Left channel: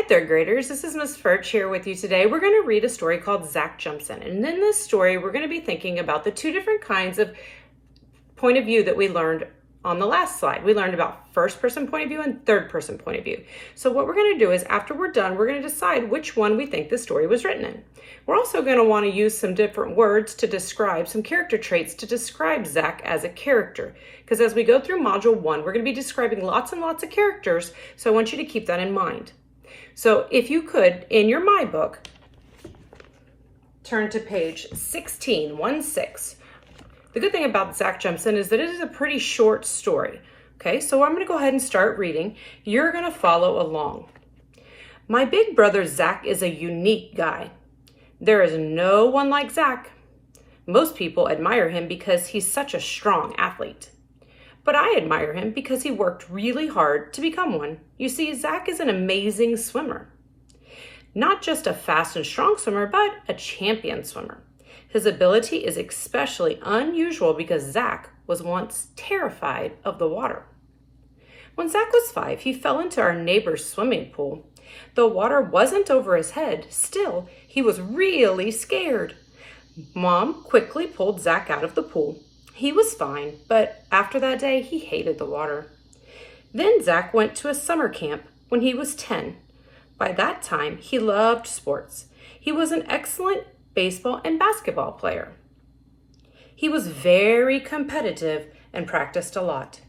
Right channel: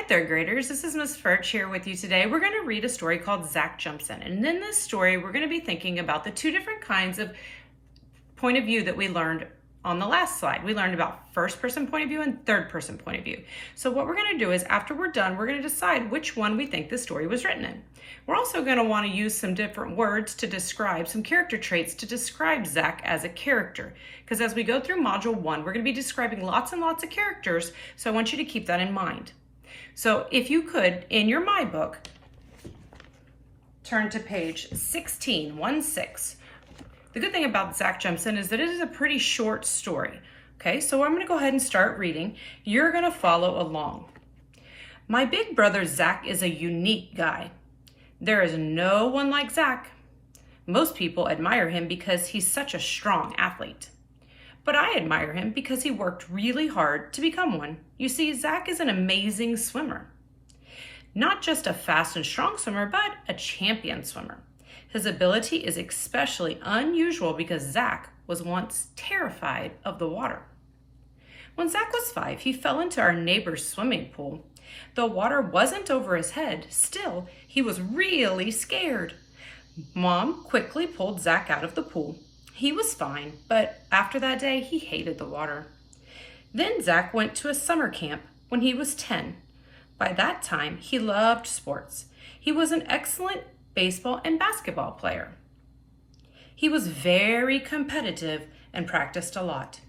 Hi, third graders. This is Miss Furch here with you today. We're going to read a story called Zach Jumps In. And in this story, we're going to be thinking about the two different kinds of point of view that we learned on the last slide. We learned about first person point of view and third person point of view. So what we're going to do is after we're done, we're going to decide which one we think the story was written in. We're also going to want to use some different words to describe some character traits to describe Zach as a character. Because as we go through module 1, we're going to be describing lots and lots of characters. So I want you to keep that in mind. So if you could, in your My Book, turn to page 16. The good thing about Zach Jumps In is that it is a pretty short story. Okay, so I'm going to go ahead and start reading. You're going to follow along. My big brother Zach is a unique guy. There is no one like Zach. Most people admire him because he's such a strong athlete. But I admire him because he worked really hard to become one. You see, Zach is an amazing swimmer. Not just a fast and strong swimmer, but a champion swimmer. His ability is especially unusual because Zach was once terrified of the water. When Zach was 5, he fell into our neighbor's swimming pool. The water wasn't over his head. Still, he was really scared. Mom quickly pulled Zach out of the pool. He was fine, but after that day, he hated the water. Then Zach went to a summer camp when he was 10. By that time, he loved sports. He was an excellent baseball and basketball player. He was very competitive and practiced a lot.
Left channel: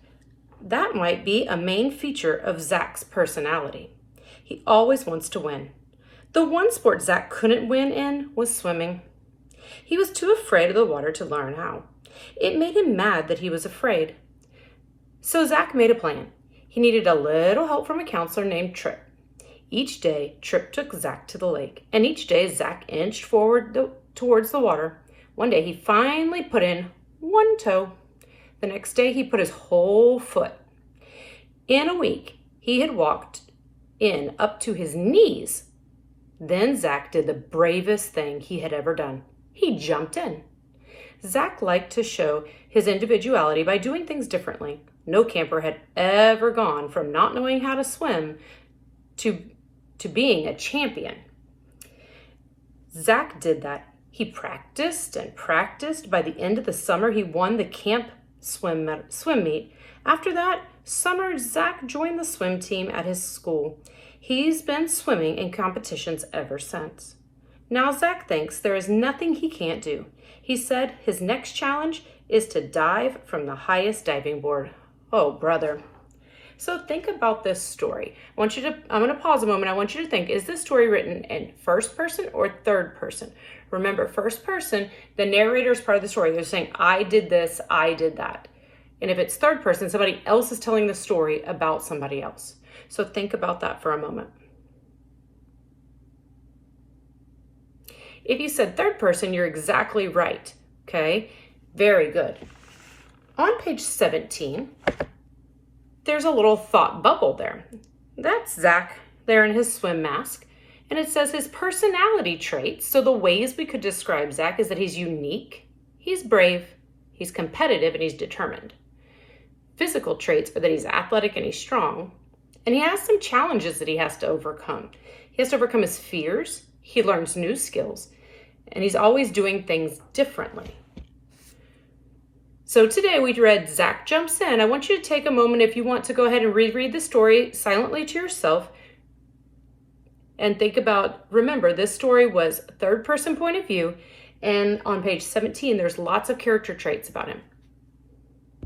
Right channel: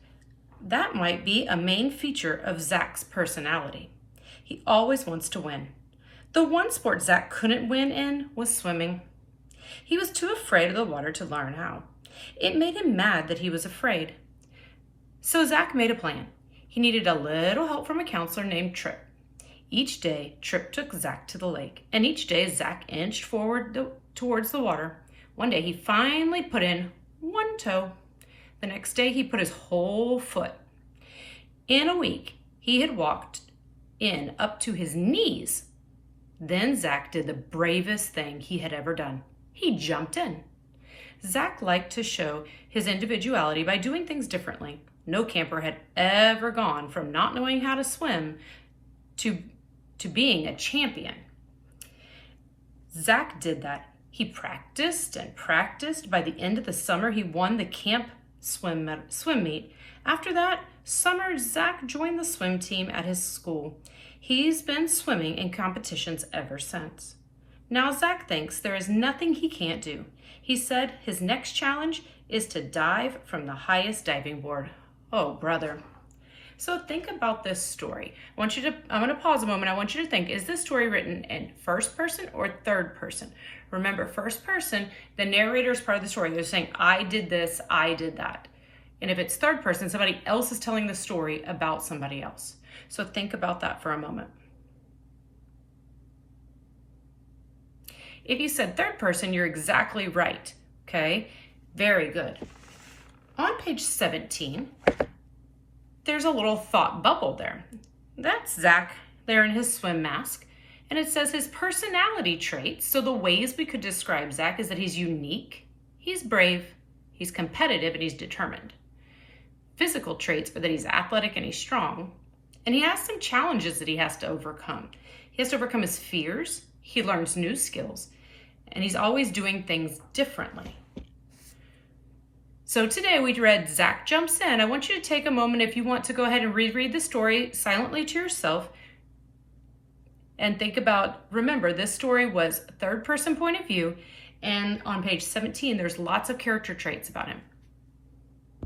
That might be a main feature of Zach's personality. He always wants to win. The one sport Zach couldn't win in was swimming. He was too afraid of the water to learn how. It made him mad that he was afraid. So Zach made a plan. He needed a little help from a counselor named Trip. Each day, Trip took Zach to the lake, and each day Zach inched forward towards the water. One day, he finally put in one toe. The next day, he put his whole foot. In a week, he had walked in up to his knees. Then Zach did the bravest thing he had ever done. He jumped in. Zach liked to show his individuality by doing things differently. No camper had ever gone from not knowing how to swim to being a champion. Zach did that. He practiced and practiced. By the end of the summer, he won the camp swim meet. After that summer, Zach joined the swim team at his school. He's been swimming in competitions ever since. Now Zach thinks there is nothing he can't do. He said his next challenge is to dive from the highest diving board. Oh, brother. So think about this story. I'm going to pause a moment. I want you to think, is this story written in first person or third person? Remember, first person, the narrator is part of the story. They're saying, I did this, I did that. And if it's third person, somebody else is telling the story about somebody else. So think about that for a moment. If you said third person, you're exactly right, okay? Very good. On page 17, there's a little thought bubble there. That's Zach there in his swim mask, and it says his personality traits. So the ways we could describe Zach is that he's unique, he's brave, he's competitive, and he's determined. Physical traits are that he's athletic and he's strong, and he has some challenges that he has to overcome. He has to overcome his fears, he learns new skills, and he's always doing things differently. So today we read Zach Jumps In. I want you to take a moment, if you want, to go ahead and reread the story silently to yourself and think about, remember, this story was third person point of view, and on page 17 there's lots of character traits about him.